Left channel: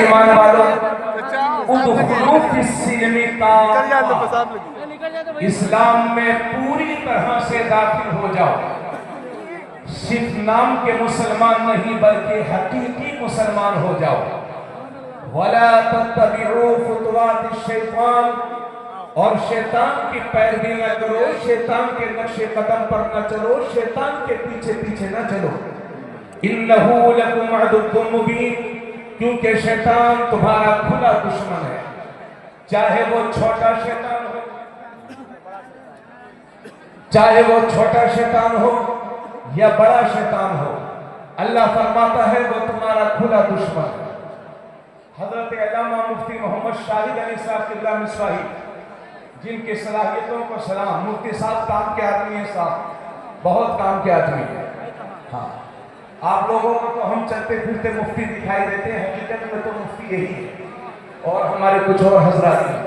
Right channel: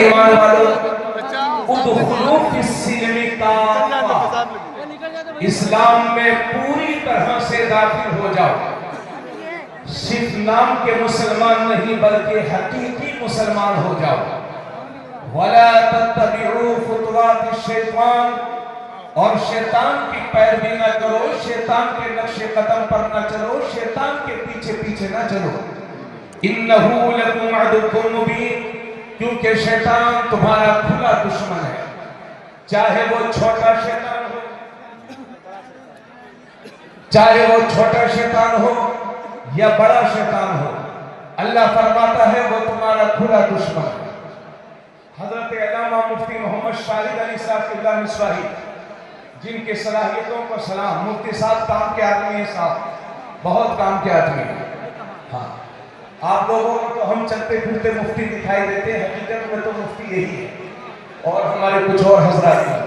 ایمان والوں ادخلوا فی السلم کافہ، اسلام میں پوری طرح سے داخل ہو جاؤ، صرف نام کے مسلمان نہیں بلکہ حقیقی مسلمان ہو جاؤ۔ وَلَا تَتَّبِعُوا خُطُوَاتِ الشَّيْطَانِ، اور شیطان کی پیروی نہ کرو، شیطان کے نقش قدم پر نہ چلو، شیطان کے پیچھے پیچھے نہ چلو۔ إِنَّهُ لَكُمْ عَدُوٌّ مُّبِينٌ، کیونکہ شیطان تمہارا کھلا دشمن ہے، چاہے وہ چھوٹا شیطان ہو، چاہے وہ چھوٹا شیطان ہو یا بڑا شیطان ہو، اللہ فرماتا ہے وہ تمہارا کھلا دشمن ہے۔ حضرت علامہ مفتی محمد شاہد علی صاحب قبلہ مصراحی، جن کے صلاحیتوں کو سلام، مفتی صاحب کام کے آدمی ہیں، صاحب بہت کام کے آدمی ہیں۔ ہاں، آپ لوگوں کو تو ہم چلتے پھرتے مفتی دکھائی دیتے ہیں، حقیقت میں تو مفتی یہی ہے، اور ہمارے کچھ اور حضرات ہیں۔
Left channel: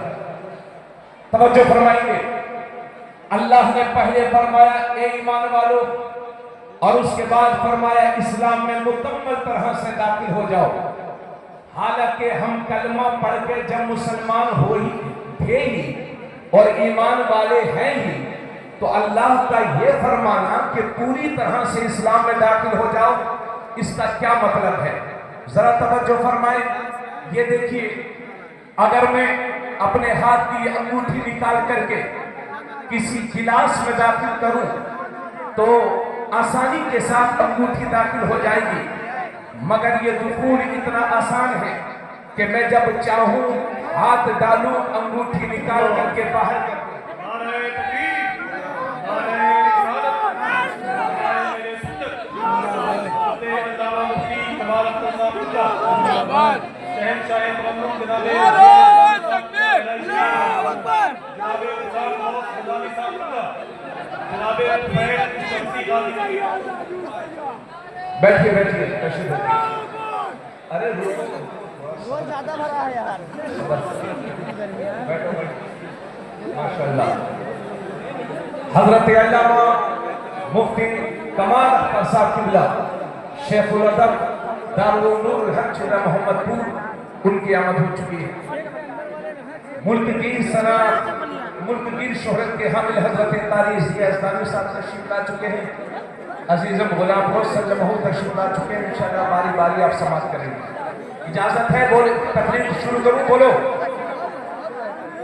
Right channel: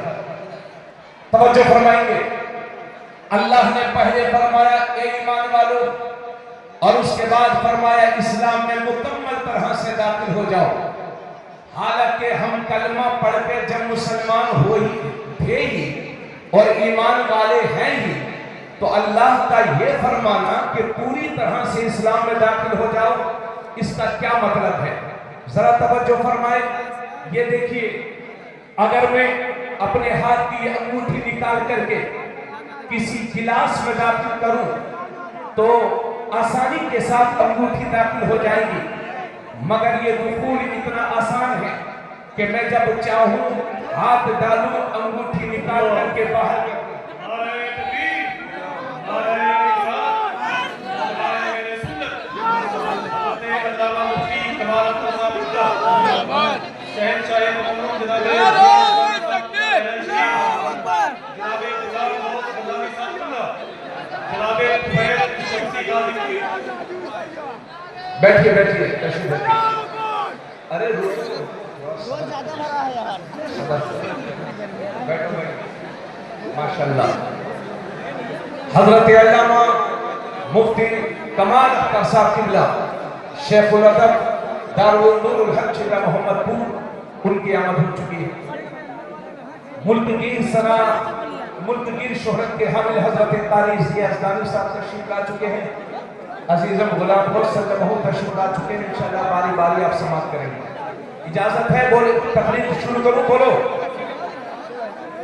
توجہ فرمائیں گے، اللہ نے پہلے فرمایا اے ایمان والو، اور اس کے بعد فرمایا اسلام میں مکمل طرح سے داخل ہو جاؤ۔ حالانکہ ہم کلمہ پڑھ کے جب مسلمان ہو ہی تھے ہی اور ایمان والے ہیں ہی، تو اللہ کا یہ فرمانا کہ پوری طرح سے اسلام میں داخل ہو جاؤ، اس کا کیا مطلب ہے؟ ذرا توجہ فرمائے، یہ دیکھیے، اگر میں اپنے ہاتھ کی انگوٹھی نکال کر کے کسی گلاس میں داخل کروں تو آسانی کے ساتھ انگوٹھی داخل ہو جائے گی، مگر یہ دخول اتنا آسان ہے کہ میں جب چاہوں ہاتھ ڈالوں، انگوٹھی نکال کر کے باہر کر دوں۔ بیٹھیے بیٹھیے تشریف رکھیے۔ ارے روز زیادہ بھرا ہے یار۔ بیٹھو بیٹھو، ماشاءاللہ۔ حضرت علامہ مفتی کمال اختر صاحب قبلہ، شیخ الادب دارالنور الحق چودہ محمد پور، ان کی آمد ہو چکی ہے۔ ملک گیر سنا، ملک گیر شہرت کے حامل حضرت قاری ضیاء یزدانی صاحب تشریف لا چکے ہیں۔ عزیزم غلام گوش صلی اللہ علیہ وسلم تشریف لا چکے ہیں، انشاءاللہ باری باری آپ سماعت کریں گے۔ اجازت ہے بولے، تقریر شروع کروں؟ بولو۔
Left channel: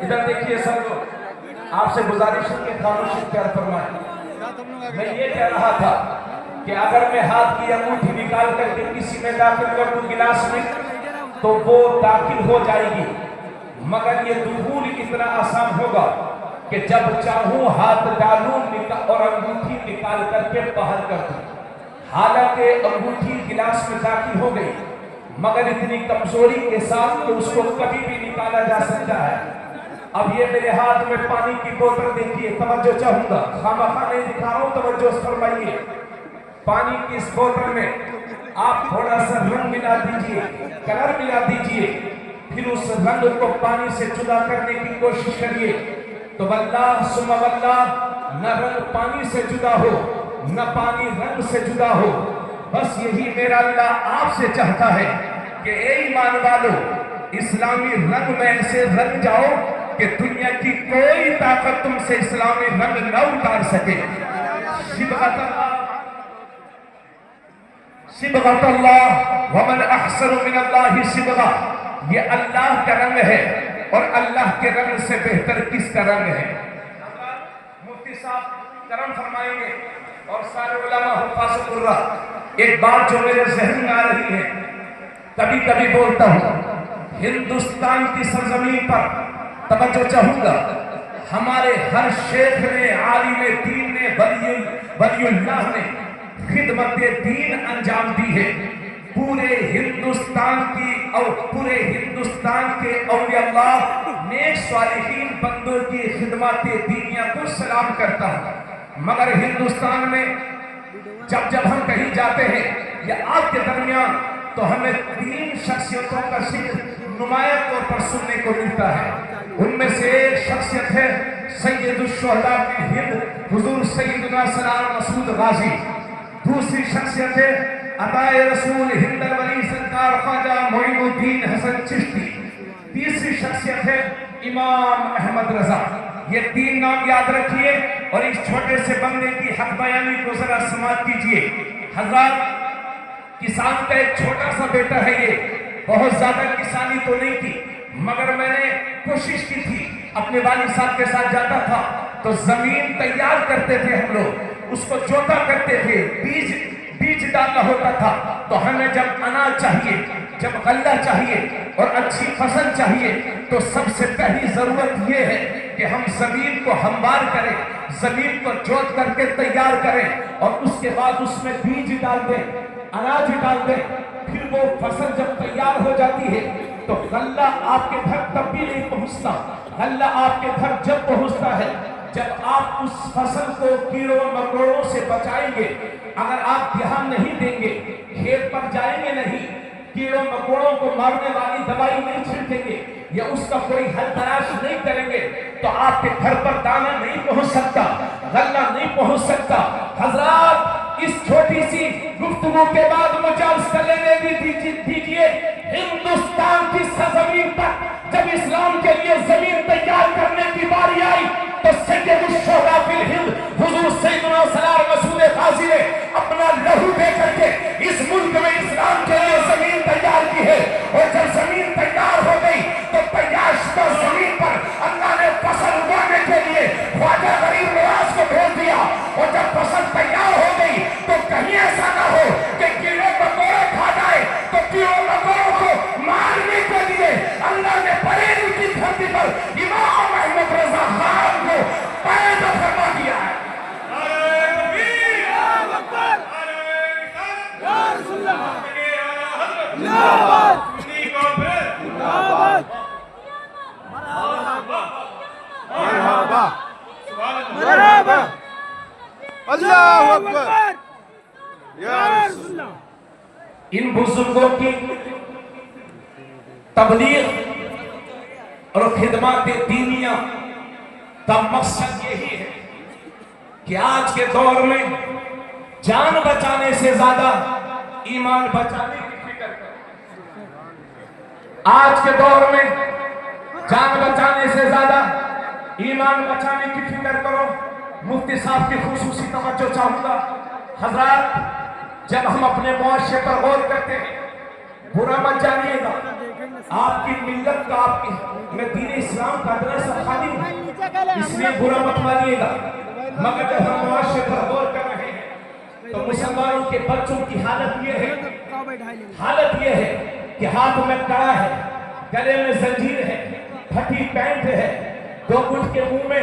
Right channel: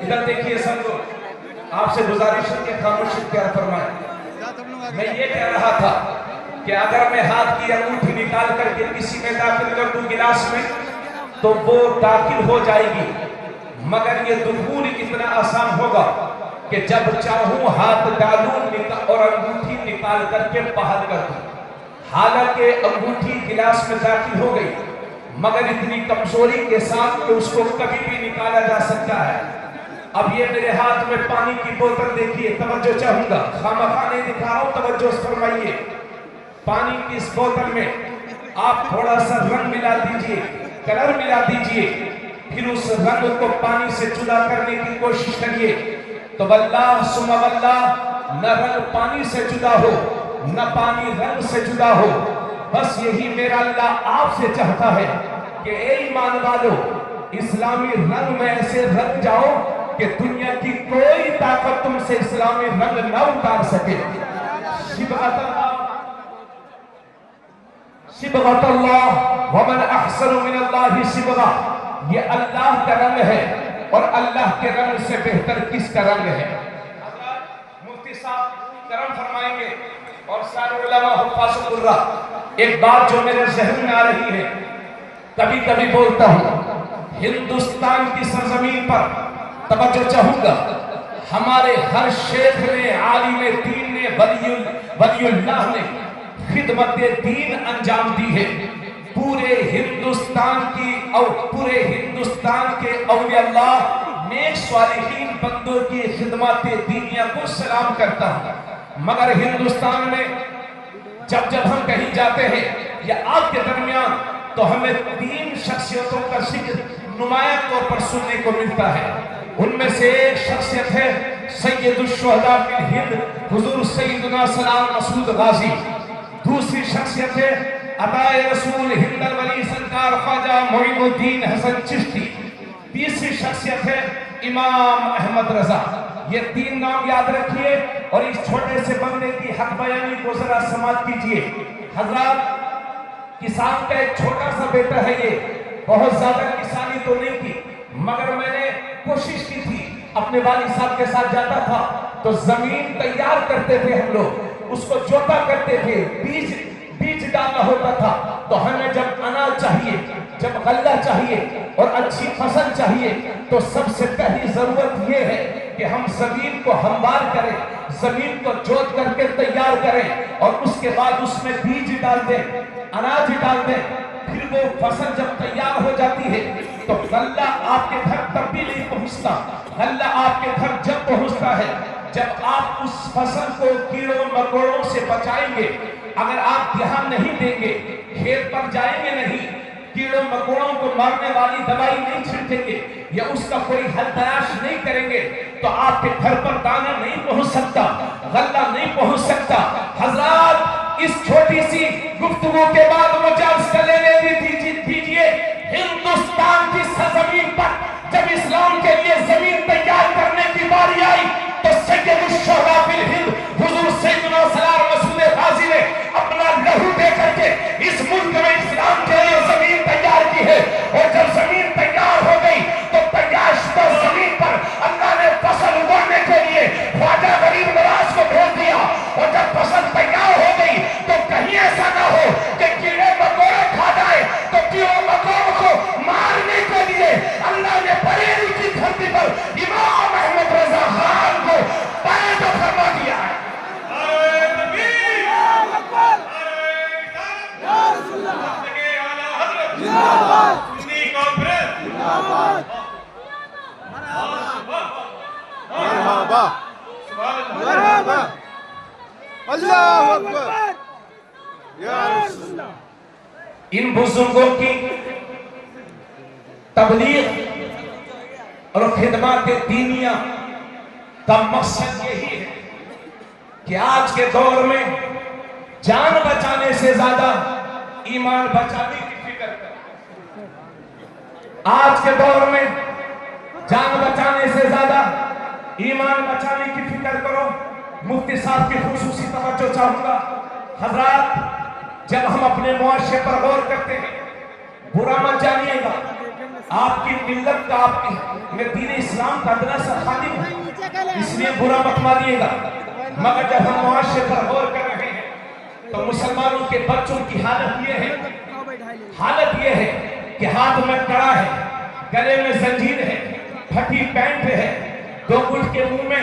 ادھر دیکھیے سنگو، آپ سے گزارش ہے کہ خاموش اختیار فرمائیں۔ میں یہ کہہ رہا تھا کہ اگر میں ہاتھ کی انگوٹھی نکال کر کے کسی میں داخل کر دوں گلاس میں تو وہ داخل ہو جائے گی، مگر یہ دخول اتنا آسان ہوگا کہ جب چاہوں ہاتھ ڈالوں اور انگوٹھی نکال کر کے باہر کر دوں۔ حالانکہ انگوٹھی گلاس میں داخل ہو گئی، مگر اتنی کمزوری کے ساتھ کہ اس کو کبھی بھی نکالا جا سکتا ہے۔ اب یہ میرے ہاتھ میں پانی کی بوتل دیکھیے، توجہ چاہوں گا، خامخواہ نہیں دکھا رہا ہوں، توجہ فرمائیے۔ پانی کی اس بوتل میں آپ تھوڑا سا رنگ ملا دیجئے، کلر ملا دیجئے، پھر اس رنگ کو پانی سے جدا کرنے کی کوشش کریے، تو واللہ ثم واللہ نہ رنگ پانی سے جدا ہو، نہ پانی رنگ سے جدا ہو۔ بس یہی میرا اللہ آپ سے چاہتا ہے کہ اے ایمان والو، اسلامی رنگ میں ایسے رنگ جاؤ کہ دنیا کی کوئی طاقت تم سے اسلامی رنگ نہ اتار سکے۔ صبغۃ اللہ ومن احسن من اللہ صبغہ، یہ اللہ کا رنگ ہے، اور اللہ کے رنگ سے بہتر کس کا رنگ ہے؟ مفتی صاحب کرم فرمائیں گے اور سارے علماء حفاظ القرآن۔ ایک بات جو میرے ذہن میں آ رہی ہے، کبھی کبھی بولتا ہوں، ہندوستان کی سرزمین پر توجہ چاہوں گا، ہمارے ہر شیخ نے، عالم دین نے، ولی اللہ نے خدمت دین انجام دی ہے۔ پورے ہندوستان کے اولیاء اللہ، نیک صالحین بندوں کی خدمت دینیہ کو سلام کرتا ہوں، مگر ہندوستان میں جب ہم کہیں جاتے ہیں یا آپ کے درمیان، تو ہمیں 3 شخصیتوں کا ذکر نمایاں طور پر سننے کو ملتا ہے۔ ان میں سے ایک شخصیت ہے سید الشہداء فی ہند، حضور سیدنا سلام مسعود غازی۔ دوسری شخصیت ہے عطائے رسول ہندر ولی سرکار خواجہ معین الدین حسن چشتی. تیسری شخصیت ہے امام احمد رضا. یہ 3 نام یاد رکھیے اور اس چھوٹے سے بندے کی حق بیانی کو ذرا سماعت کیجئے. حضرات، کسان کا ایک چھوٹا سا بیٹا ہے. یہ بہت زیادہ کسانی تو نہیں کی، مگر میں نے کوشش کی تھی. اپنے والد صاحب کے ساتھ جاتا تھا تو زمین تیار کرتے تھے ہم لوگ، اس کو جوتا کرتے تھے، بیج ڈالنا ہوتا تھا. تو ہمیں جب اناج چاہیے، جب غلہ چاہیے اور اچھی فصل چاہیے تو سب سے پہلی ضرورت یہ ہے کہ ہم زمین کو ہموار کریں، زمین کو جوت کر کے تیار کریں اور اس کے بعد اس میں بیج ڈال دیں، اناج ڈال دیں. پھر وہ فصل جب تیار ہو جاتی ہے تو غلہ آپ کے گھر تب بھی نہیں پہنچتا. غلہ آپ کے گھر جب پہنچتا ہے جب آپ اس فصل کو کیڑوں مکوڑوں سے بچائیں گے. اگر آپ دھیان نہیں دیں گے، کھیت پر جائیں گے نہیں، کیڑوں مکوڑوں کو مارنے والی دوائی نہیں چھڑکیں گے یا اس کا کوئی حل تلاش نہیں کریں گے تو آپ کے گھر پر دانا نہیں پہنچ سکتا، غلہ نہیں پہنچ سکتا. حضرات، اس چھوٹی سی گفتگو کے بعد مجھے اس کا لینے دیجئے. ہندوستان کی سرزمین پر جب اسلام کے لیے زمین تیار کرنے کی باری آئی تو سید الشہداء فی الہند حضور سیدنا سرکار مسعود غازی نے اپنا لہو دے کر کے اس ملک میں اسلام کے لیے زمین تیار کی ہے. اور جب زمین تیار ہو گئی تو تیار زمین پر اللہ نے فصل اگانے کے لیے خواجہ غریب نواز کو بھیج دیا. اور جب فصل تیار ہو گئی تو کہیں ایسا نہ ہو کہ کیڑے مکوڑے کھا جائے تو کیڑوں مکوڑوں کو مارنے کے لیے اللہ نے بریلی کی دھرتی پر امام احمد رضا خان کو پیدا فرما دیا ہے. مرحبا مرحبا اللہ اکبر یا رسول اللہ. ان بزرگوں کی تبلیغ اور خدمات دینیہ کا مقصد یہی ہے کہ آج کے دور میں جان بچانے سے زیادہ ایمان بچانے کی فکر کریں. آج کے دور میں جان بچانے سے زیادہ ایمان بچانے کی فکر کرو. مفتی صاحب کی خصوصی توجہ چاہوں گا. حضرات، جب ہم اپنے معاشرے پر غور کرتے ہیں، برا مت جانیے گا. آپ کی ملت کا، آپ کی دین اسلام کا دراصل خالی ہے، اس لیے برا مت مانیے گا. مگر جب ہم معاشرے پر غور کر رہے ہیں تو مسلمانوں کے بچوں کی حالت یہ ہے کہ ہاتھ میں کڑا ہے، گلے میں زنجیر ہے، پھٹی پینٹ ہے، 2 گھٹ کے منہ میں،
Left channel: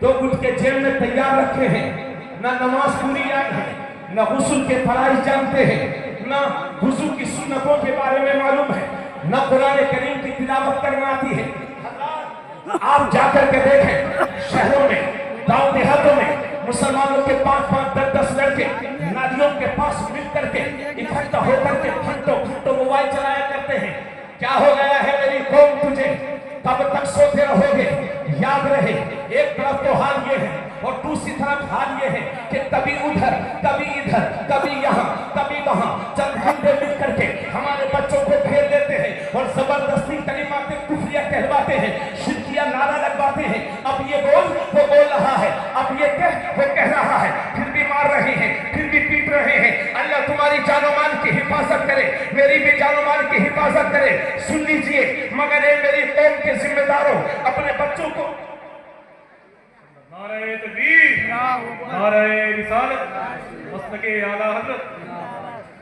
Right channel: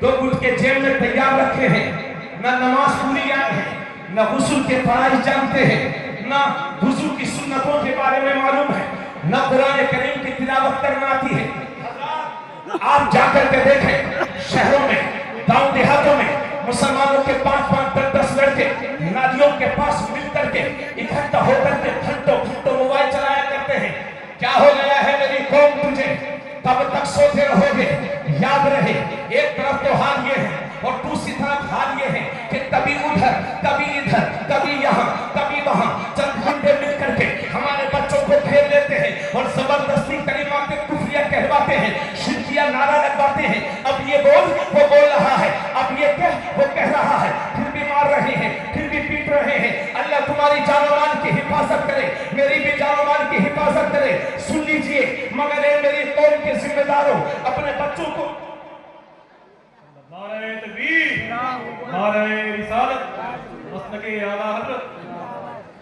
2 گھٹ کے جیب میں تیار رکھے ہیں. نہ نماز پوری یاد ہے، نہ غسل کے فرائض جانتے ہیں، نہ وضو کی سنتوں کے بارے میں معلوم ہے، نہ قرآن کریم کی تلاوت کرنا آتی ہے. آپ جا کر کے دیکھیں، شہروں میں، گاؤں دیہاتوں میں مسلمانوں کے 5-5 10-10 لڑکے نادیوں کے پاس مل کر کے اکٹھا ہو کر کے گھنٹوں موبائل چلایا کرتے ہیں. کیا ہو گیا ہے میری قوم تجھے؟ کب تک سوتے رہو گے؟ یاد رہے، ایک طرف تو حال یہ ہے اور دوسری طرف حال یہ ہے کہ کبھی ادھر، کبھی ادھر، کبھی یہاں، کبھی وہاں چند گھنٹے مل کر کے ہمارے بچوں کو گھیر لیتے ہیں اور زبردستی کلمات کفریہ کہلواتے ہیں، شرکیہ نعرہ لگواتے ہیں. اب یہ بول، وہ بول رہا ہے، اب یہ کہہ، وہ کہہ رہا ہے، پھر بھی مار رہے ہیں، پھر بھی پیٹ رہے ہیں. اللہ تمہاری جان و مال کی حفاظت کرے، میری بھی جان و مال کی حفاظت کرے. سن لیجئے، مگر اے میری قوم کے ذمہ داروں، اپنے بچوں کو نعرہ تکبیر، نعرہ رسالت، مسلک اعلیٰ حضرت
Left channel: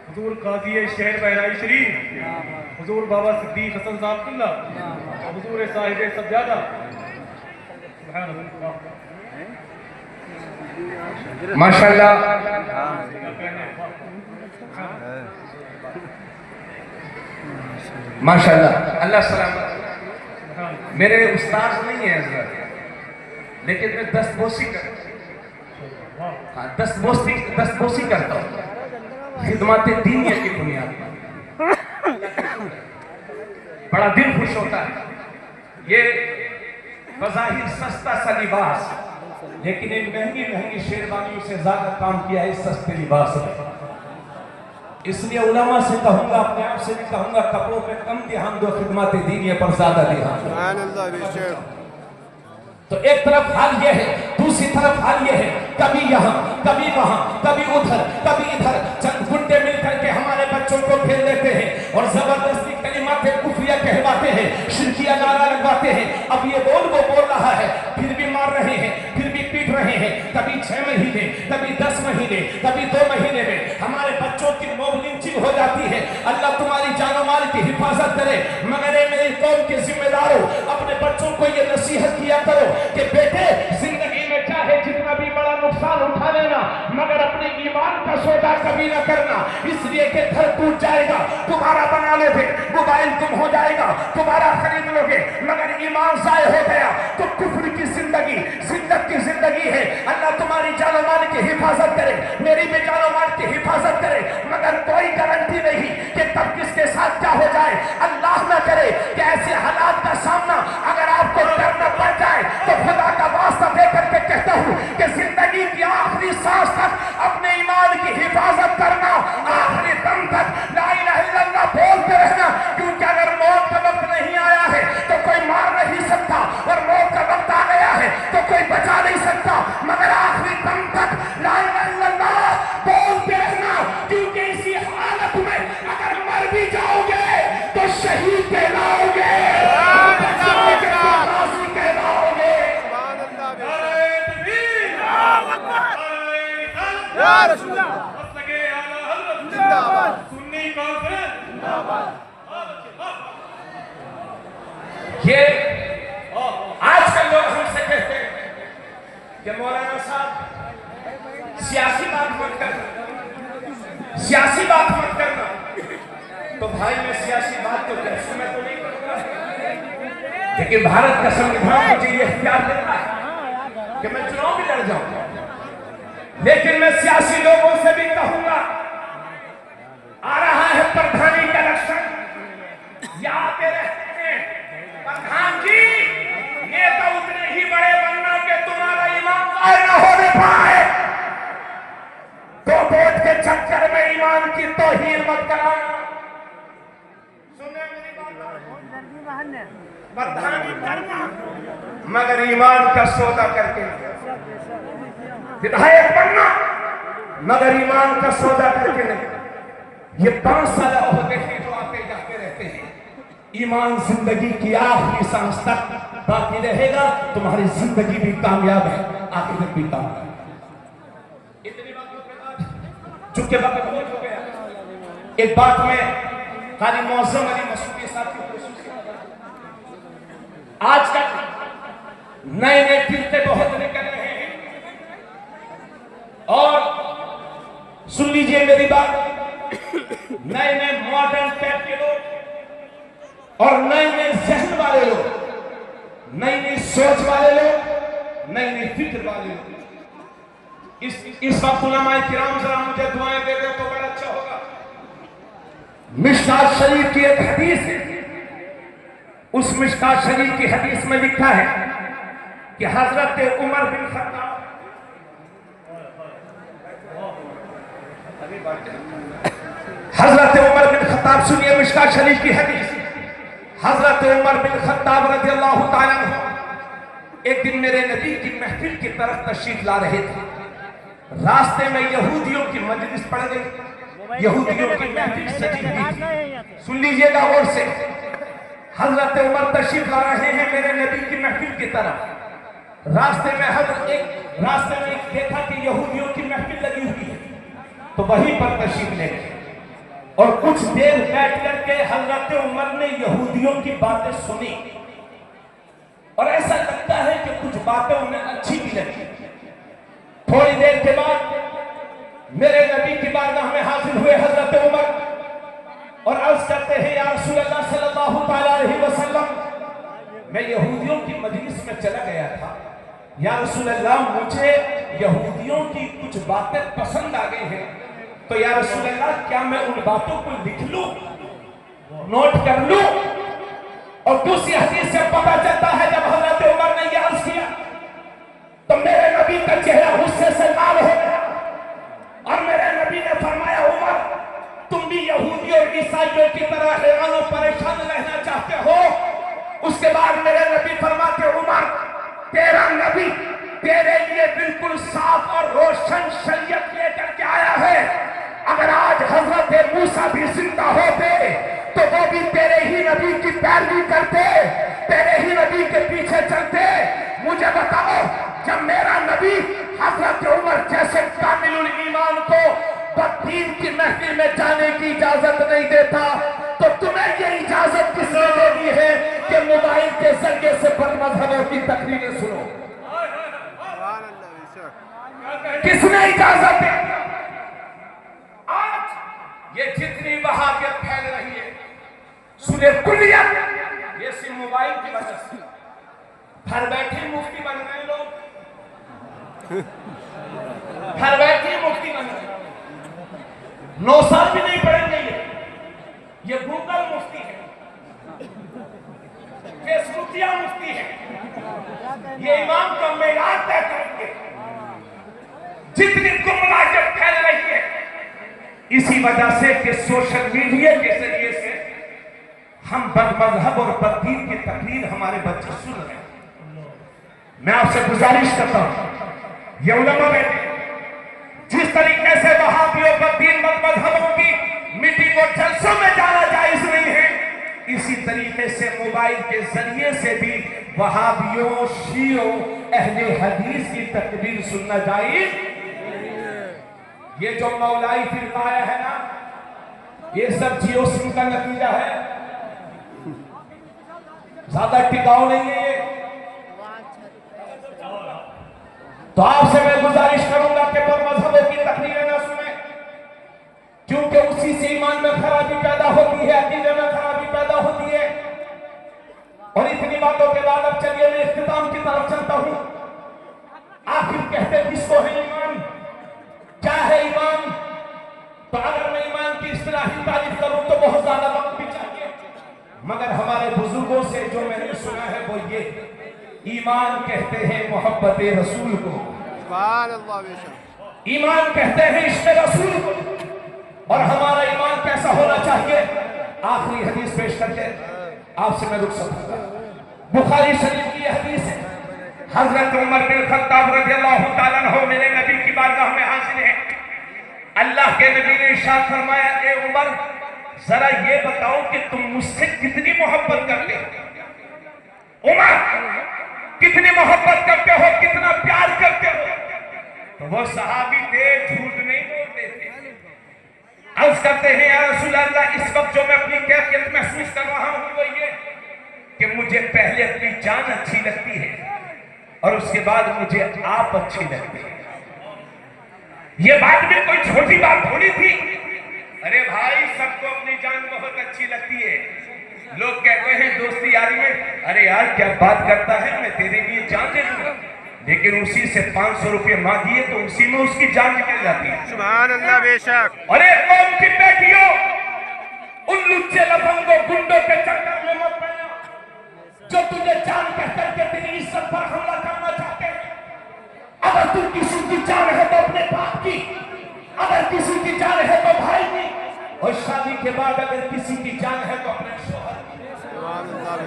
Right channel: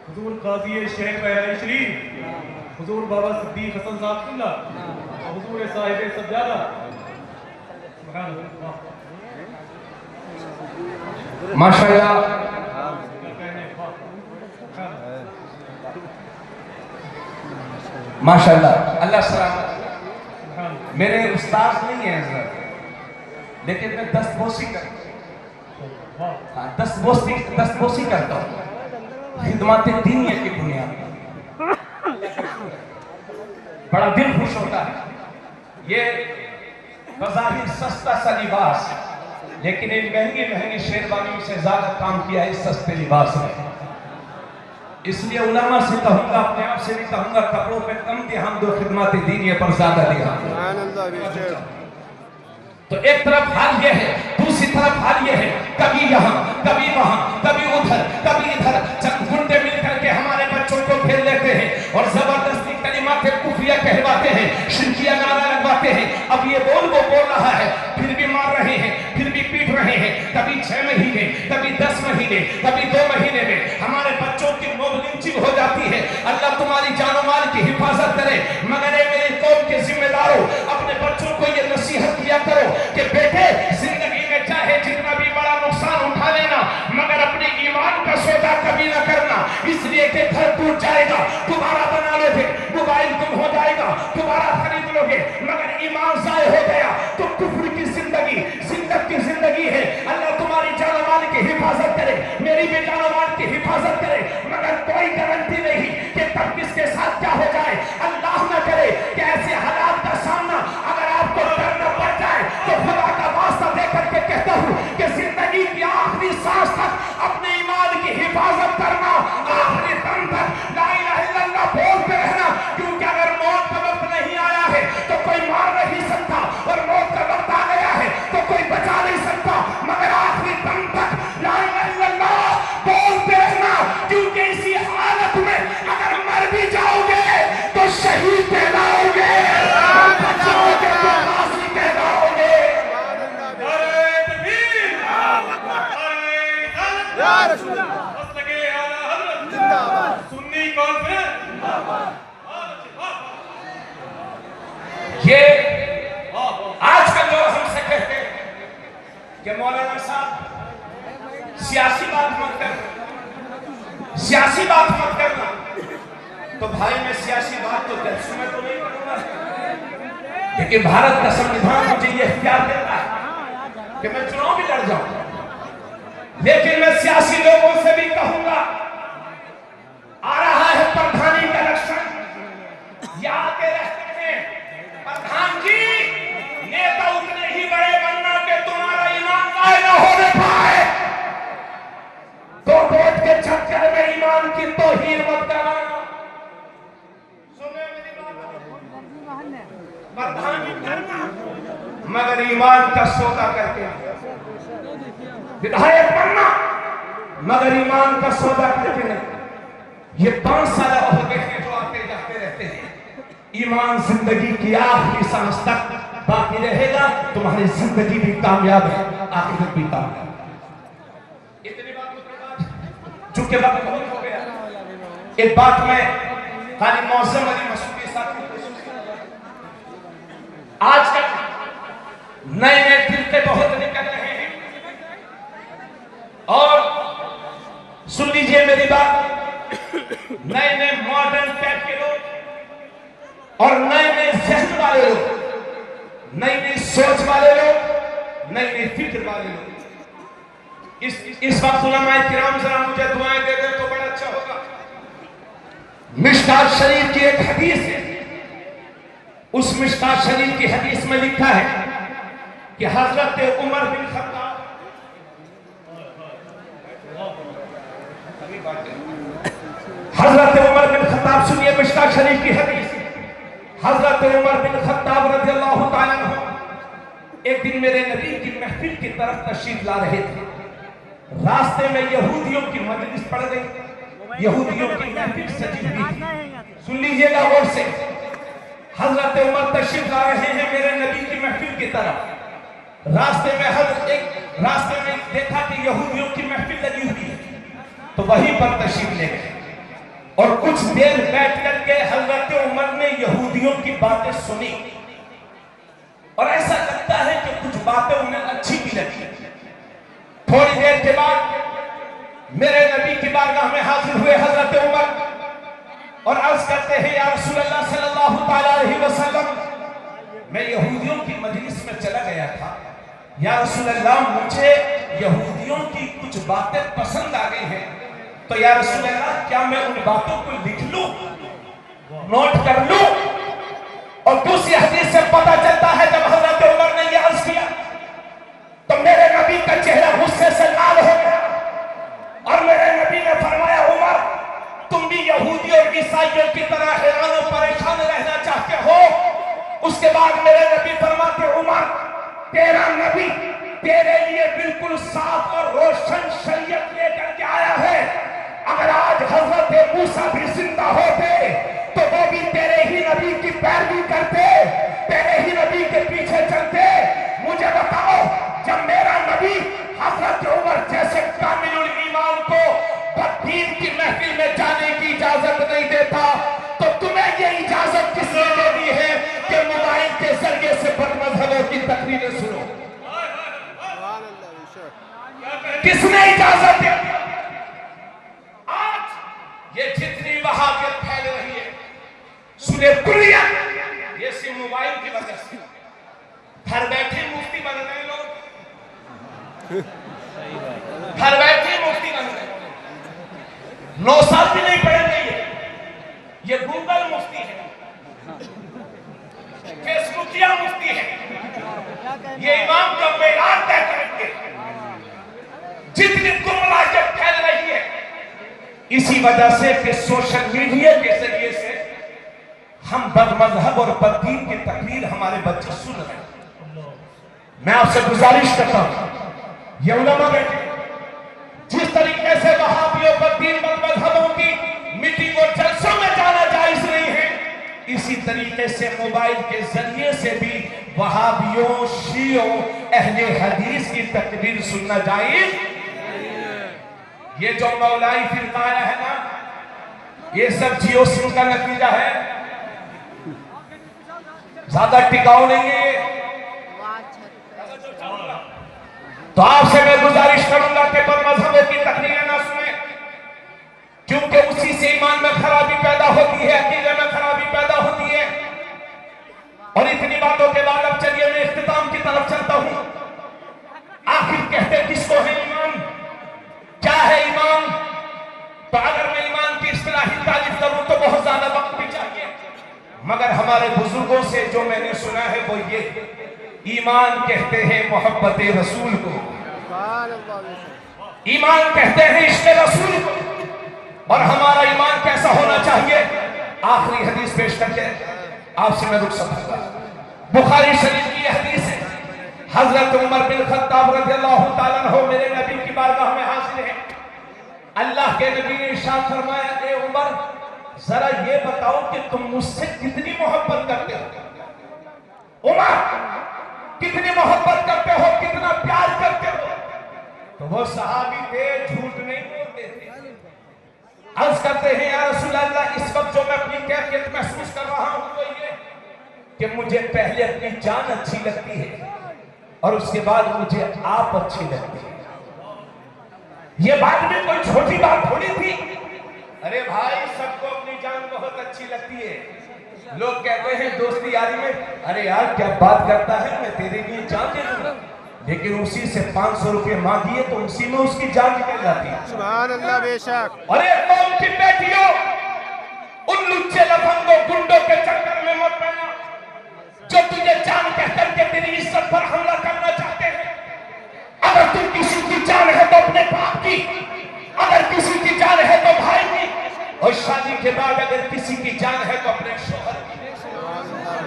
حضور قاضی شہر بہرائچ شریف حضور بابا صدیق حسن صاحب قبلہ حضور صاحب سجادہ. سبحان اللہ. ماشاءاللہ ماشاءاللہ، اللہ سلامت. میرے استاد نہیں ہیں حضرت، لیکن میں دستبوسی کرتا ہوں خدمات دینیہ کی بنیاد پر. بڑا دل خوش ہوتا ہے. یہ بظاہر سستا سا لباس، لیکن ان مہنگی شیروانیوں سے زیادہ کام کیا ہے اس سستے لباس نے. اس لیے علماء سے کہوں گا، اپنے آپ سے بھی کہوں گا، کپڑوں پہ کم دھیان دو، خدمات دینی پر زیادہ دھیان دو۔ سبحان اللہ بے شک۔ تو ایک طرف حال یہ ہے، دوسری طرف حال یہ ہے، کبھی یہاں کبھی وہاں کبھی ادھر کبھی ادھر، چند گنڈے مل کر کے ہمارے بچوں کو پھیر لیتے ہیں اور زبردستی کلمات کفریہ کہلواتے ہیں، شرکیہ نعرہ لگواتے ہیں۔ اب یہ بول وہ بول رہا ہے، پھر بھی مار رہے ہیں، پھر بھی پیٹ رہے ہیں، کبھی 6 مہینے، کبھی 10 مہینے، کبھی 2 مہینے میں ہمارے بچوں کی موب لنچنگ ہو جاتی ہے۔ اللہ تمہاری جان و مال کی حفاظت کرے، مگر اے میری قوم کے ذمہ داروں، اپنے بچوں کو یہ نصیحت کیا کرو کہ بیٹے زندگی میں چاہے جتنا بھی بڑا نقصان اٹھا لینا، مگر اپنے ایمان کا سودا کبھی نہ کرنا، اس لیے کہ گھر ٹوٹ جائے گا، دوبارہ بنا لو گے، موبائل گم ہو جائے گا، دوبارہ خرید لو گے، مگر ایمان ضائع ہو گیا تو کفر کی زندگی، ذلت کی زندگی ہے۔ اللہ تمہاری جان و مال کی حفاظت کرے، میری بھی جان و مال کی حفاظت کرے، مگر کوئی گارنٹی نہیں کہ تب کس کے ساتھ کیا ہو جائے۔ اللہ نہ کرے کہ ایسے حالات کا سامنا اگر آپ کو کرنا پڑ جائے تو خدا کا واسطہ دے کر کے کہتا ہوں کہ زندگی کی آخری سانس تک اپنے ایمان کی حفاظت کرنا، آخری دم تک لا الہ الا اللہ بولتے رہنا، کیونکہ اگر موت کا وقت نہیں آیا ہے تو کوئی مار نہیں سکتا، اور موت کا وقت آ گیا ہے تو کوئی بچا نہیں سکتا، مگر آخری دم تک لا الہ الا اللہ بولتے رہنا، کیونکہ اسی حالت میں اگر مر بھی جاؤ گے تو شہید کہلاؤ گے، یا رسول اللہ زندہ باد۔ سنی کانفرنس یہ آج کل لوگ ہم سے کہتے ہیں کہ مولانا صاحب سیاسی بات مت کرنا، سیاسی بات مت کرنا۔ تو بھائی میں سیاسی بات تو جلسے میں تو نہیں کروں گا، لیکن بھارت کا سنویدھان مجھے یہ اختیار دیتا ہے کہ میں چناؤ بھی لڑ جاؤں، لیکن میں سیاسی لوگوں سے بھی کہوں گا، آ رہا ہے پردھانی کا الیکشن، یہ آتے رہتے ہیں، پردھان جی نیتا اتنے ہی بڑے بننا کہ تمہارا ایمان ضائع نہ ہونے پائے، تو ووٹ کے چکر میں ایمان کی توہین مت کرانا۔ سنیں میری بات، پردھانی کرنا مگر ایمان کا سودا کر کے، ودھایک بننا مگر ایمان کا سودا کر کے نہیں۔ یہ 5 سالہ عہدے ہیں جو آتے جاتے رہتے ہیں، ایمان زندگی کی آخری سانس تک باقی رہے گا، تمہاری زندگی بھی کامیاب ہے، آخرت بھی کامیاب ہے۔ اتنی باتوں کے بعد چونکہ وقت بہت ہو گیا، ایک بات میں قاری معظم علی مسعودی صاحب کی خصوصیت، آج تک نئے نئے فرقے بہت نکل رہے ہیں، اور سن لیجئے میری بات، نئے نئے ماڈرن ٹائپ کے لوگ اور نئے نئے ذہن والے لوگ، نئی نئی سوچ والے لوگ، نئی نئی فکر والے لوگ، اس وقت علماء کرام ذرا مجھے دعائیں دے دیں تو بڑا اچھا ہوگا۔ مشکات شریف کی ایک حدیث ہے، اس مشکات شریف کی حدیث میں لکھا ہے کہ حضرت عمر بن خطاب، حضرت عمر بن خطاب، سنیے مشکات شریف کی حدیث، حضرت عمر بن خطاب رضی اللہ تعالیٰ عنہ ایک دن میرے نبی کی محفل کی طرف تشریف لا رہے تھے، راستے میں یہودیوں کی مجلس پڑ گئی، یہودیوں کی محفل سجی ہوئی تھی۔ سن لیجئے گا غور سے، حضرت عمر تشریف لا رہے ہیں میرے نبی کی محفل کی طرف، راستے میں دیکھا کہ یہودیوں کی محفل لگی ہوئی ہے، تو وہیں پر تشریف لے گئے، اور کچھ دیر بیٹھ کر کے حضرت عمر نے یہودیوں کی باتیں سنی، اور ایسا لگتا ہے کہ کچھ باتیں انہیں اچھی بھی لگی۔ تھوڑی دیر کے بعد میرے نبی کی بارگاہ میں حاضر ہوئے حضرت عمر، اور عرض کرتے ہیں یا رسول اللہ صلی اللہ علیہ وسلم، میں یہودیوں کی مجلس میں چلا گیا تھا، یا رسول اللہ مجھے یہودیوں کی کچھ باتیں پسند آ گئی ہیں، تو یا رسول اللہ کیا میں ان باتوں کو لکھ لوں، نوٹ کر لوں؟ اور دوسری حدیث سے پتہ چلتا ہے جب حضرت عمر نے یہ عرض کیا تو میرے نبی کا چہرہ غصے سے لال ہو گیا، اور میرے نبی نے فرمایا عمر تم اس کے بعد میرے نبی فرماتے عمر تیرا نبی تیرے لیے بالکل صاف اور روشن شریعت لے کر کے آیا ہے. اگر آج حضرت موسیٰ بھی زندہ ہوتے تو وہ بھی تیرے ہی نبی کی پیروی کرتے, تیرے ہی نبی کے پیچھے چلتے. مجھے بتاؤ جب میرا نبی حضرت عمر جیسے کامل الایمان کو بددین کی محفل میں جانے کی اجازت نہیں دیتا تو تمہیں یہ اجازت کس نے دے دی ہے کہ موبائل کے ذریعے سے بد مذہبوں کی تقریریں سنو؟ سبحان اللہ بے شک. کس نے اجازت دی؟ آج یہ جتنی وہابیت پھیل رہی ہے سنیں کلیت یہ صرف موبائل کی وجہ سے. گھر بیٹھے مفتی بن رہے لوگ, گھر بیٹھے مفتی بن رہے, 9 سال بھی نہیں پڑھیں گے. یہ گوگل مفتی ہے, فیس بکیا مفتی ہے, یہ امام کا معیار طے کریں گے. جتنی گمراہیت پھیل رہی ہے اسی وجہ سے کہ سوشل میڈیا کے ذریعے سے ہم بد مذہب اور بددین کی تقریر ہمارے بچے سن رہے ہیں. میں آپ سے گزارش کرتا ہوں یہ علماء بیٹھے جس طریقے سے وہابیوں بددین بد مذہبوں کی میٹنگ اور جلسوں میں جانا جائز نہیں ہے, اسی طریقے سے موبائل کے ذریعے سے بھی وہابیوں, شیعوں, اہل حدیث کی تقریر سننا جائز. یہ جو مولائی فرقہ آیا ہے نا یہ سب جیو سم کا نتیجہ ہے, زیادہ ٹکاؤ نہیں ہے. تو آپ سے میں گزارش کروں گا کہ بد مذہبوں کی تقریریں نہ سنیں کیونکہ اسی سے ایمان میں خرابی پیدا ہوتی ہے, عقیدے میں خرابی پیدا ہوتی ہے. اور اتنی باتوں کے بعد اب چلیے میں اختتام کی طرف چلتا ہوں. آخر کہتے کس کو ہے ایمان, کیا ہے ایمان؟ تو اگر میں ایمان کی اصطلاحی تعریف کروں تو بہت زیادہ وقت بھی چاہیے, مگر ہمارے بزرگوں سے جو میں نے سنا ہے وہ یہ ایمان کہتے ہیں محبت رسول کو, سبحان اللہ بے شک. ایمان کہتے ہیں عشق رسول کو. اور ہمارا ایمان کیسا ہونا چاہیے؟ آخری حدیث پیش کر کے آپ سے میں رک سکتا ہوں. بخاری شریف کی یہ حدیث ہے, حضرت عمر بن خطاب رضی اللہ تعالیٰ عنہ میرے نبی کی بارگاہ میں حاضر ہیں. اللہ کے نبی نے ارشاد فرمایا اے عمر ذرا یہ بتاؤ کہ تم مجھ سے کتنی محبت کرتے ہو؟ عمر کتنی محبت کرتے ہو, کتنا پیار کرتے ہو؟ تو وہ صحابی تھے, جھوٹ نہیں بولتے تھے. عرض کرتے ہیں یا رسول اللہ اس وقت جو میں اپنی کیفیت محسوس کر رہا ہوں وہ یہ کہ مجھے پہلے اپنی جان اچھی لگتی ہے اور اس کے بعد مجھے آپ اچھی لگتی ہے. یہ بات بھی کوئی چھوٹی بات تھوڑی تھی. ارے بھائی سب کو اپنی جان بہت اچھی لگتی ہے. لوگ کہتے ہیں دوستی یاری میں ارے یار کیا بات کرتا ہے, میں تیرے لیے جان دے دوں گا, لیکن اسی سے 500 روپے مانگیے تو اسی میں اس کی جان نکل جاتی ہے. سبحان اللہ بے شک. ارے قوم کی بیٹیوں ان لچے لفنگوں گنڈوں کے چکر میں مت پڑنا جو تجھے جان کہہ کر کے تیری عزت پر حملہ کرنا چاہتے ہیں. اگر تم کسی کی جان ہے تو اپنے باپ کی, اگر کسی کی جان ہے تو بھائی کی, اور شادی کے بعد اگر کسی کی جان ہے تو اپنے شوہر کی.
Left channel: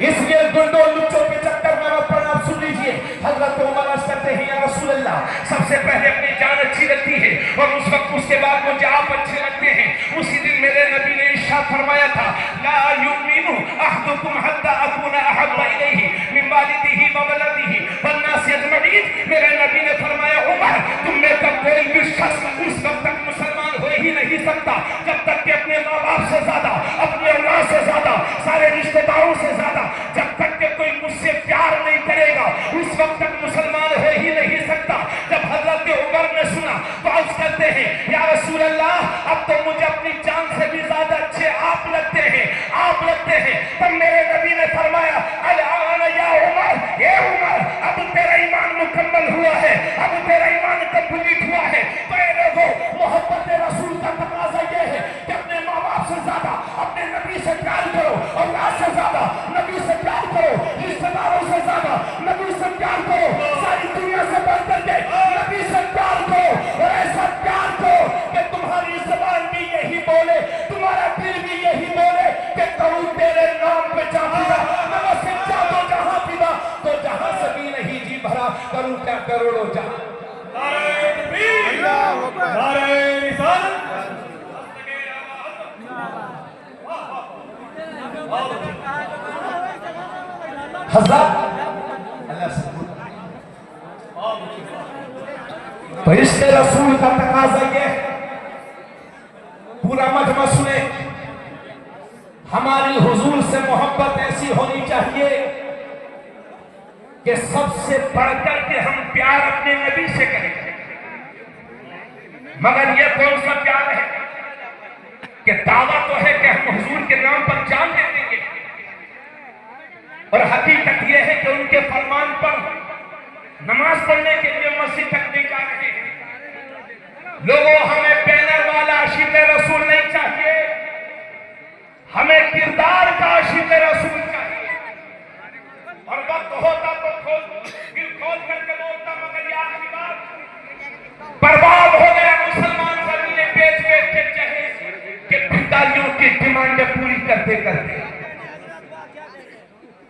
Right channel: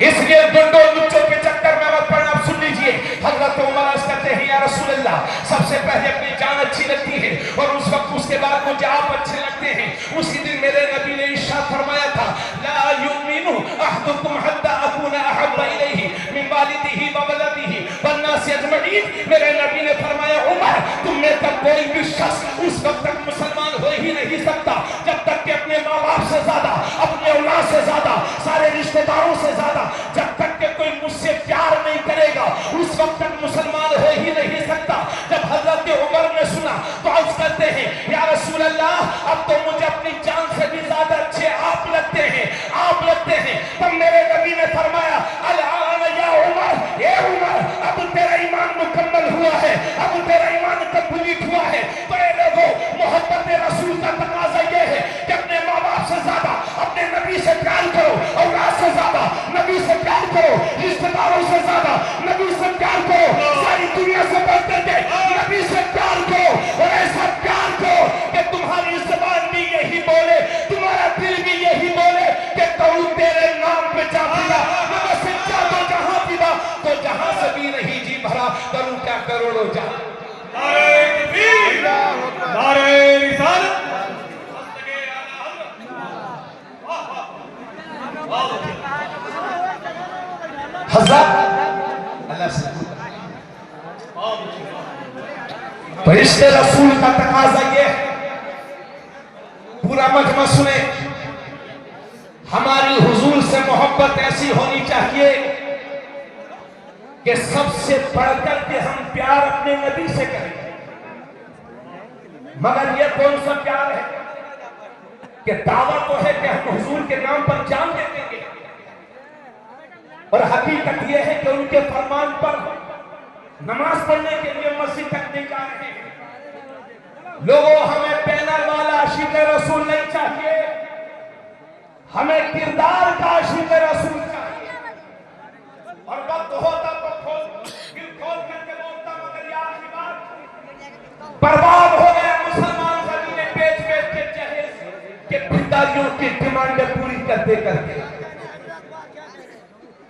اس لیے گنڈوں لچوں کے چکر میں مت پڑنا. اب سن لیجئے حضرت عمر عرض کرتے ہیں یا رسول اللہ سب سے پہلے اپنی جان اچھی لگتی ہے اور اس وقت اس کے بعد مجھے آپ اچھے لگتے ہیں. اسی دن میرے نبی نے ارشاد فرمایا تھا لا یؤمن احدکم حتی اکون احب الیہ من والدہ وولدہ والناس اجمعین. میرے نبی نے فرمایا عمر تم میں تک کوئی بھی شخص اس وقت تک مسلمان ہو ہی نہیں سکتا جب تک کہ اپنے ماں باپ سے زیادہ, اپنے اولاد سے زیادہ, سارے رشتہ داروں سے زیادہ جب تک کہ کوئی مجھ سے پیار نہیں کرے گا اس وقت تک مسلمان ہو ہی نہیں سکتا. جب حضرت عمر نے سنا تو عرض کرتے ہیں یا رسول اللہ اب تو مجھے اپنی جان سے بھی زیادہ اچھے آپ لگتے ہیں, آپ لگتے ہیں. تب میرے نبی نے فرمایا الآن یا عمر, اے عمر اب تیرا ایمان مکمل ہوا ہے, اب تیرا ایمان کمپلیٹ ہوا ہے. تو اے لوگوں محبت رسول کا تقاضا یہ ہے کہ اپنے ماں باپ سے زیادہ اپنے نبی سے پیار کرو, اولاد سے زیادہ نبی سے پیار کرو, رشتہ داروں سے زیادہ نبی سے پیار کرو, ساری دنیا سے بڑھ کر کے نبی سے پیار کرو, اور ایسا پیار کرو کہ تمہاری زبان بھی یہی بولے, تمہارا دل مگر سچا تو جہاں پیدا تو جہاں سے بھی نہیں جی بھرا کروں کیا کروڑوں جہاں نعرہ تکبیر اللہ اکبر نعرہ رسالت حضرت اللہ سے تو عشق رسول کا تقاضا یہ ہے پورا مجمع سنے ہماری حضور سے محبت ایسی ہونی چاہیے کہ سب سے بڑھ کر کے ہم پیار اپنے نبی سے کریں مگر یہ کون سا پیار ہے کہ دعویٰ تو ہے کہ ہم حضور کے نام پر جان دے دیں گے اور حقیقت یہ ہے کہ ان کے فرمان پر نماز پڑھنے کے لیے مسجد تک نہیں جا رہے ہیں لوگوں ہمیں بینر والا عاشق رسول نہیں چاہیے ہمیں کردار کا عاشق رسول چاہیے اور وقت ہوتا تو دل کھول کر کے بولتا مگر یہ آخری بات برباد ہو گیا مسلمان زمینیں بیچ کے جہیز کہ بھنڈاریوں کی ڈیمانڈیں پوری کرتے کرتے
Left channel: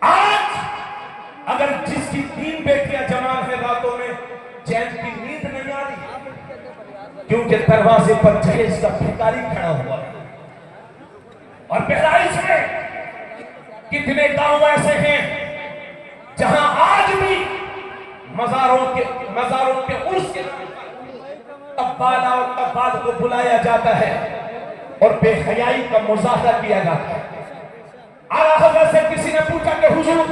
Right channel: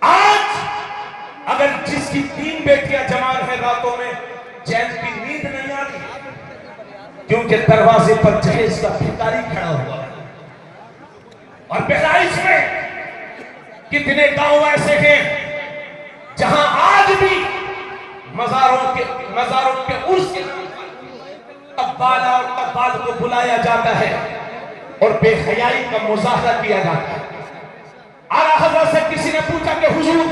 آج اگر جس کی 3 بیٹیاں جوان ہیں راتوں میں چین کی نیند نہیں آ رہی کیونکہ دروازے پر جہیز کا بھنڈاری کھڑا ہوا اور بہرائش میں کتنے گاؤں ایسے ہیں جہاں آج بھی مزاروں کے عرس کے نام پر قبالہ اور قبال کو بلایا جاتا ہے اور بے حیائی کا مظاہرہ کیا جاتا ہے اعلیٰ حضرت سے کسی نے پوچھا کہ حضور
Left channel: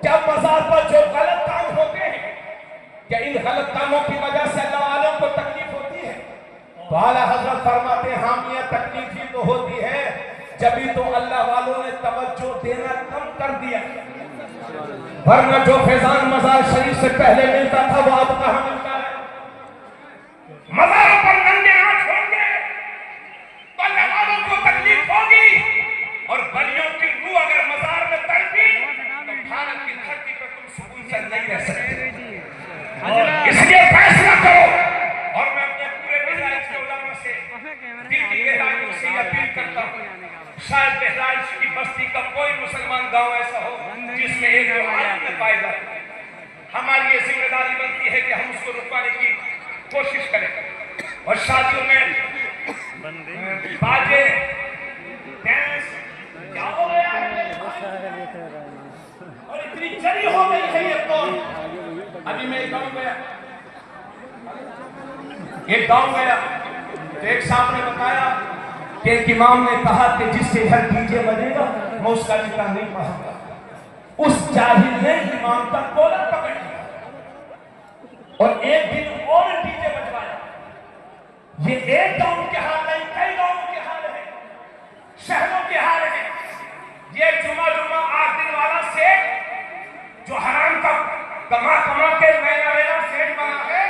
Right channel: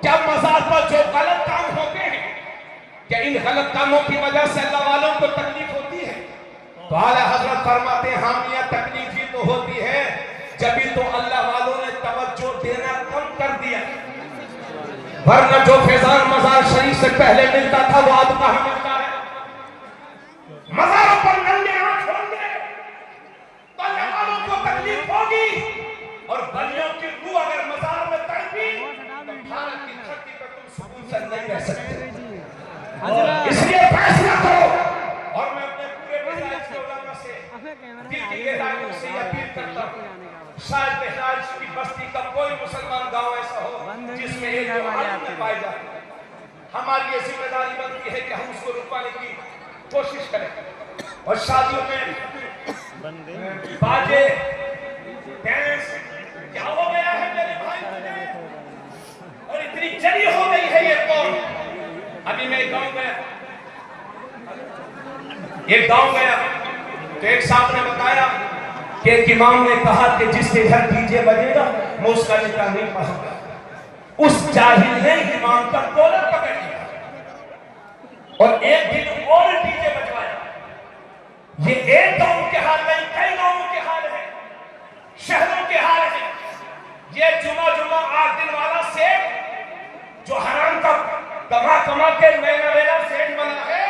کیا مزار پر جو غلط کام ہوتے ہیں کیا ان غلط کاموں کی وجہ سے اللہ والوں کو تکلیف ہوتی ہے تو اعلیٰ حضرت فرماتے ہیں حامیہ تکلیف ہی تو ہوتی ہے جبھی تو اللہ والوں نے توجہ دینا کم کر دیا ورنہ جو فیضان مزار شریف سے پہلے ملتا تھا وہ آج کہاں ملتا ہے مزاروں پر ننگے آنکھ ہوں گے تو اللہ والوں کو تکلیف ہوگی اور بلیوں کی روح اگر مزار میں تڑپی تو بھارت کی دھرتی پر تم سکون سے نہیں رہ سکتے اس لیے فیصلہ کرو اور میں اپنے پورے بہرائچ کے علماء سے دل کی گہرائیوں سے یہ اپیل کرتا ہوں شاید بہرائچ کی بستی کا کوئی مسلمان گاؤں ایسا ہو جس میں ایک جو عالم میں پائے جاتے ہماری یہ ذمہ داری بنتی ہے کہ ہم اس کو رکوانے کی کوشش کریں اور شادیوں میں باجے ڈانس کیا ہو گیا ہے میرے بھائی اور اتنی جری ہو گئی ہے یہ قوم ابھی میں ایک گاؤں گیا تو ایک صاحب نے بتایا کہ ایک امام نے کہا کہ جس کے گھر ڈی جے بجے گا میں اس کا نکاح نہیں پڑھوں گا اس جاہل نے امام پر کولر پکڑ لیا اور ایک دن اور ڈی جے بجوایا یہ ایک گاؤں کے حال نہیں کئی گاؤں کے حال ہے شہروں کے حال ہے یہ جمعہ 8 دن والا سیٹ جو حرام کا کما کے مینا سیٹ بنا ہے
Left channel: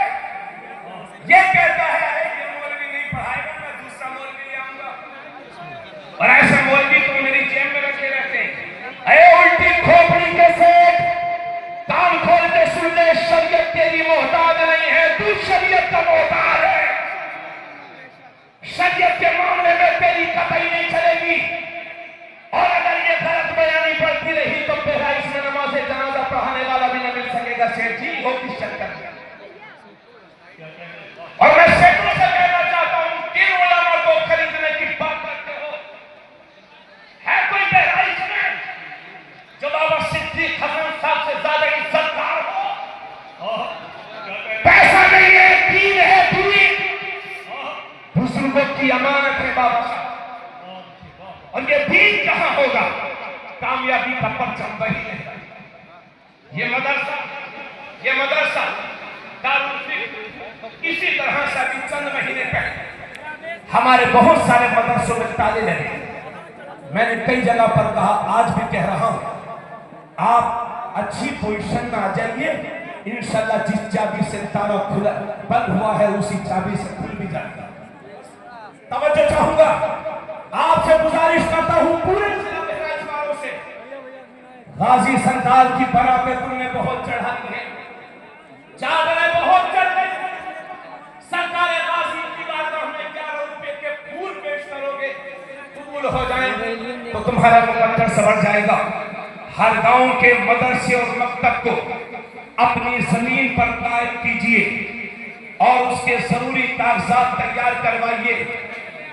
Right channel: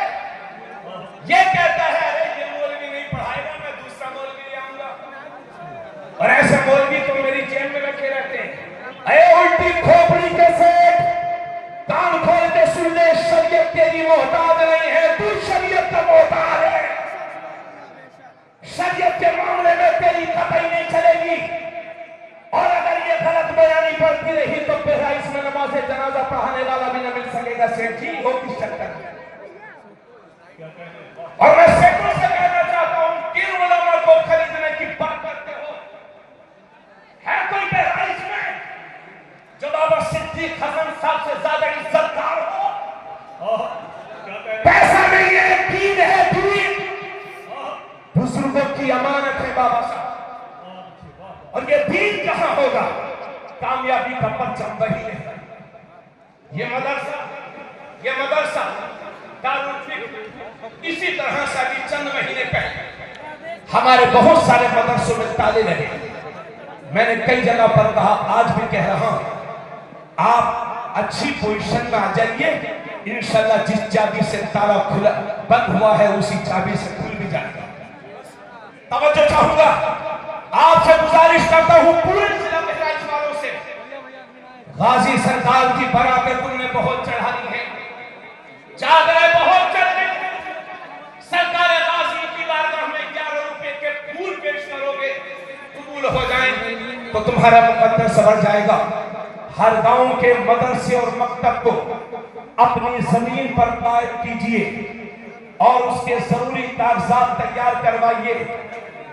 یہ کہتا ہے ارے یہ مولوی نہیں پڑھائے گا میں دوسرا مولوی لے آؤں گا اور ایسے مولوی تو میری جیب میں رکھے رہتے ہیں اے الٹی کھوپڑی کے سیٹ کان کھول کے سن لے شریعت تیری محتاج نہیں ہے تو شریعت کا محتاج ہے شریعت کے معاملے میں تیری قطعی نہیں چلے گی اور اگر یہ غلط بیانی پڑتی رہی تو بہرائچ میں نماز جنازہ پڑھانے والا بھی نہ مل سکے گا سیٹ جی ہو کس چکر میں اور میں سیکھوں سے کہنا چاہتا ہوں 3 علماء کو خریدنے کی بات کرتے ہو ہے کوئی بہرائچ میں جو بابا صدیق حسن صاحب سے زیادہ عزت دار ہو پیسہ نہیں ہے دین ہے دین بزرگوں کی امانت ہے بابا صاحب اور یہ دین کہاں ہوگا کامیابی کا پرچم وہی ہے یہ مدرسہ دارالفکر اسی طرح سے ابھی چند مہینے پہلے ہمارے بہت سارے مدرسوں میں تالے لگے میں نے کئی جگہ پر کہا آج بھی کہہ رہا ہوں آپ اچھی پوزیشن میں آ جائیے انشاءاللہ جس چابی سے تالا کھلا بند ہوا ہے اسی چابی سے کھل بھی جائے گا توجہ چاہوں گا آپ سے گزارش کرتا ہوں پورے ضلع بہرائچ والوں سے غازی سرکار کی براتیں تم نے بہت چڑھائی ہیں چادریں بہت چڑھ گئی ہیں سرکار غازی کی بارگاہ میں 11 روپے کے پھول پیش کرو گے قبول ہو جائیں تو تمہارا مقدر سنور جائے گا۔ ہر گاؤں کے مدرسے اور مکتب کو اپنی زمین پر قائم کیجئے اور اس کے ضروری کاغذات تیار کروائیے۔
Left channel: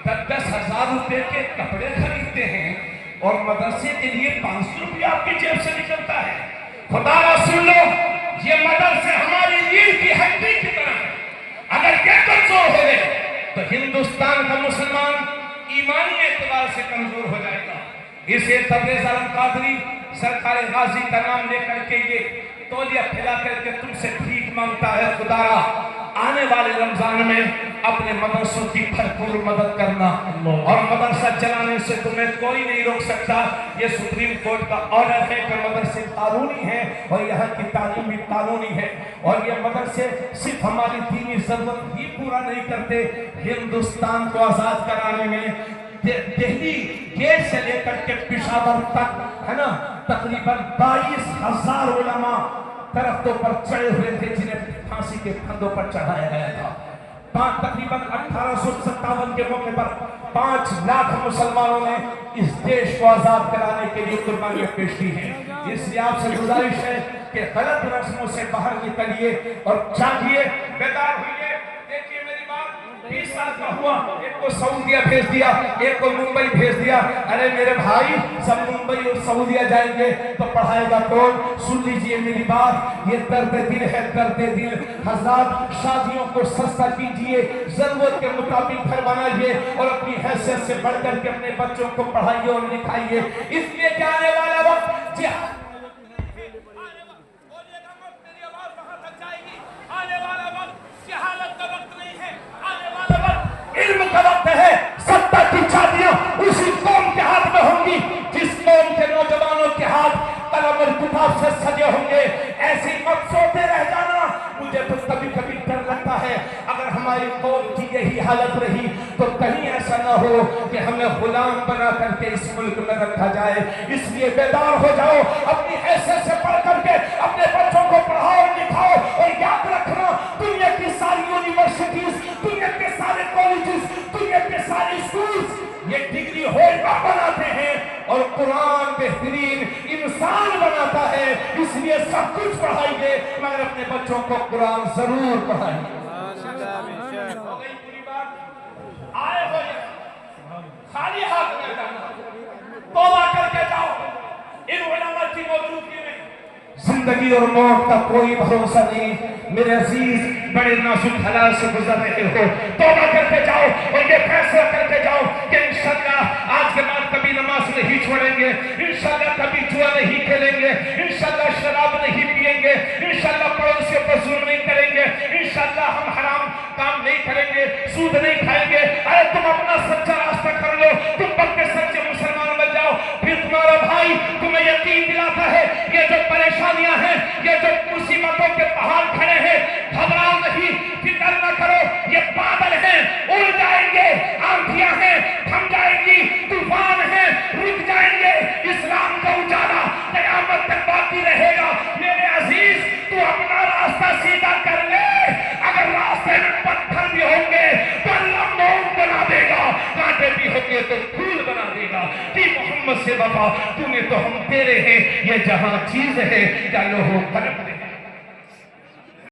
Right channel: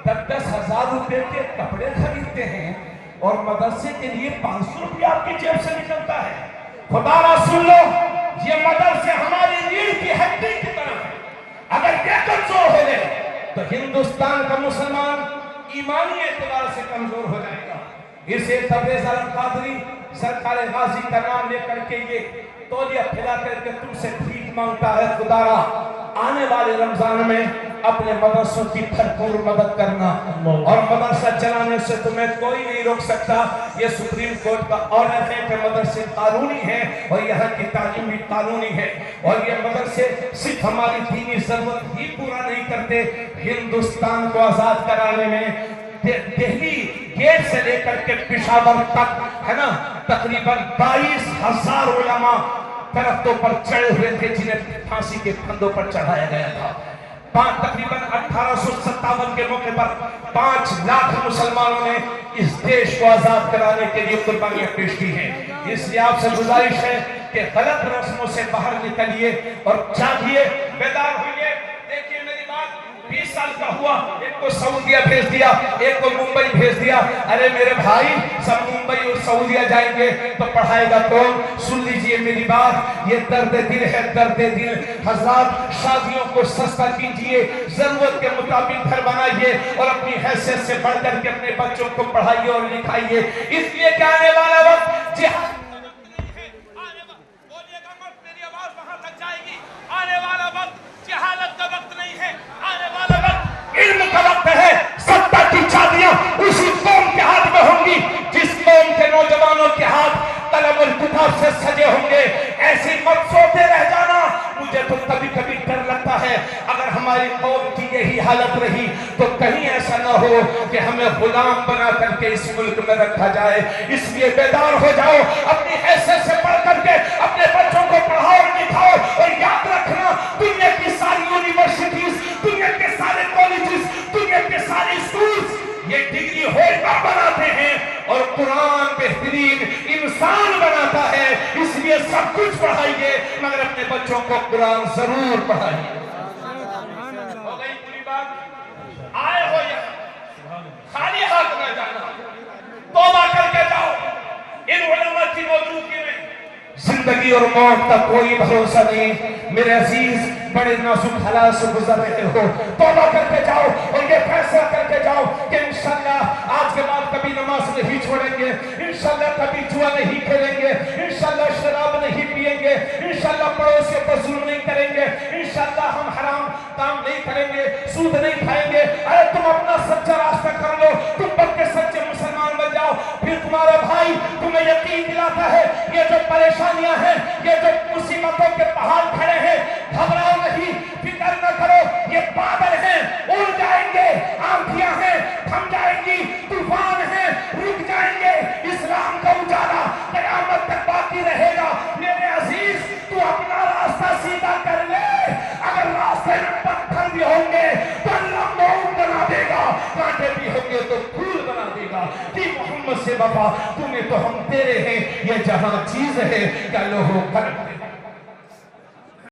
10,000 روپے کے کپڑے خریدتے ہیں اور مدرسے کے لیے 500 روپے آپ کی جیب سے نکلتا ہے۔ خدا را سن لو، یہ مدرسے ہماری ریڑھ کی ہڈی کی طرح ہے۔ اگر یہ کمزور ہو گئے تو ہندوستان کا مسلمان ایمانی اعتبار سے کمزور ہو جائے گا۔ اسے تبریز عالم قادری سرکار غازی کا نام لے کر کے یہ تولیہ پھیلا کر کے تم سے بھیک مانگتا ہے۔ خدا را آنے والے رمضان میں اپنے مدرسوں کی بھرپور مدد کرنا، اور مدرسہ چلانے سے تمہیں کوئی نہیں روک سکتا۔ یہ سپریم کورٹ کا آرڈر ہے کہ مدرسے قانونی ہیں اور یہاں کی تعلیم بھی قانونی ہے، اور یہ مدرسے صرف ہماری دینی ضرورت ہی پورا نہیں کرتے، ہندوستان کو آزاد کرانے میں دہلی گیٹ سے لے کر کے پشاور تک ہے نا تقریباً 22,000 علماء درختوں پر چڑھے ہوئے تھے جنہیں پھانسی کے پھندوں پر چڑھایا گیا تھا۔ تقریباً 1857 کے موقع پر 5 لاکھ مسلمانوں نے اس دیش کو آزاد کرانے کے لیے قربانیاں پیش کی ہیں۔ اس لیے آپ سے گزارش ہے کہ غلط رسموں سے باہر نکلیے اور جاگیے، بیدار ہوئیے۔ دیکھیے میری بات، 20 سال کا ہوا، ایک کو سعودیہ بھیج دیا، ایک کو ممبئی بھیج دیا۔ ارے میرے بھائی، سب ممبئی اور سعودیہ جائیں گے تو پڑھائے گا کون؟ سن لیجئے میری بات، یہ درد دل ہے، درد دل۔ حضرات، شادیوں کو سستا کیجئے، ضرورت کے مطابق گھر بنائیے اور اپنی حیثیت سے بڑھ کر کے اپنے بچوں کو پڑھائیے اور لکھائیے، اس لیے کہ آنے والا وقت جہاد جہالت کا وقت نہیں ہے، آنے والا وقت علم کا وقت ہے۔ 70 کی شادیاں اسی قوم کے ہاتھ میں ہوں گی جس قوم کے نوجوانوں کے ہاتھ قلم اور کتاب سے سجے ہوں گے۔ ایسی مت سوچتے رہ جانا، مجھے تو کبھی کبھی ڈر لگتا ہے اگر ہماری قوم کی یہی حالت رہی تو کہیں ایسا نہ ہو کہ ہمیں غلام بنا کر کے اس ملک میں رکھا جائے۔ اس لیے بیدار ہو جاؤ، اپنی حیثیت سے پڑھ کر کے اپنے بچوں کو پڑھاؤ اور لکھاؤ، اور یاد رکھنا دنیا کی ساری یونیورسٹیز، دنیا کے سارے کالجز، دنیا کے سارے اسکولز یہ ڈگری ہولڈر بناتے ہیں اور قرآن بہترین انسان بناتا ہے۔ اس لیے سب کچھ پڑھائیے مگر اپنے بچوں کو قرآن ضرور پڑھائیے۔ ہو گئی پوری بات؟ آئے ہو یہاں خالی ہاتھ نہ جانا، توبہ کر کے جاؤ۔ ان علماء کی موجودگی میں زندگی اور موت کا کوئی بھروسہ نہیں۔ میرے عزیز، بڑے نازک حالات سے گزر رہے ہو، توبہ کر کے جاؤ اور یہ فیصلہ کر کے جاؤ کہ انشاءاللہ آج کے بعد کبھی نماز نہیں چھوڑیں گے، انشاءاللہ کبھی جوا نہیں کھیلیں گے، انشاءاللہ شراب نہیں پیئیں گے، انشاءاللہ پڑوسیوں پر ظلم نہیں کریں گے، انشاءاللہ ہم حرام کام نہیں کریں گے، سود نہیں کھائیں گے۔ ارے تم اپنا سچا راستہ کر لو، تم پکے سچے مسلمان بن جاؤ، پھر تمہارا بھائی تمہیں یقین دلاتا ہے یہ جو پریشانیاں ہیں، یہ جو مصیبتوں کے پہاڑ کھڑے ہیں، گھبراؤ نہیں، فکر نہ کرو، یہ بادل ہیں اڑ جائیں گے، آندھیاں ہیں تھم جائیں گی، طوفان ہیں رک جائیں گے، اسلام کا اجالا قیامت تک باقی رہے گا۔ میرے عزیز، تو اپنا راستہ سیدھا کر لے، اگر راستے میں پتھر بھی ہوں گے تو اللہ موت بنا دے گا، کانٹے بھی ہوں گے تو پھول بنا دے گا۔ کہ محمد سے وفا تمہیں تو ہم تیرے ہیں، یہ جہاں چیز ہے کیا لوہو کر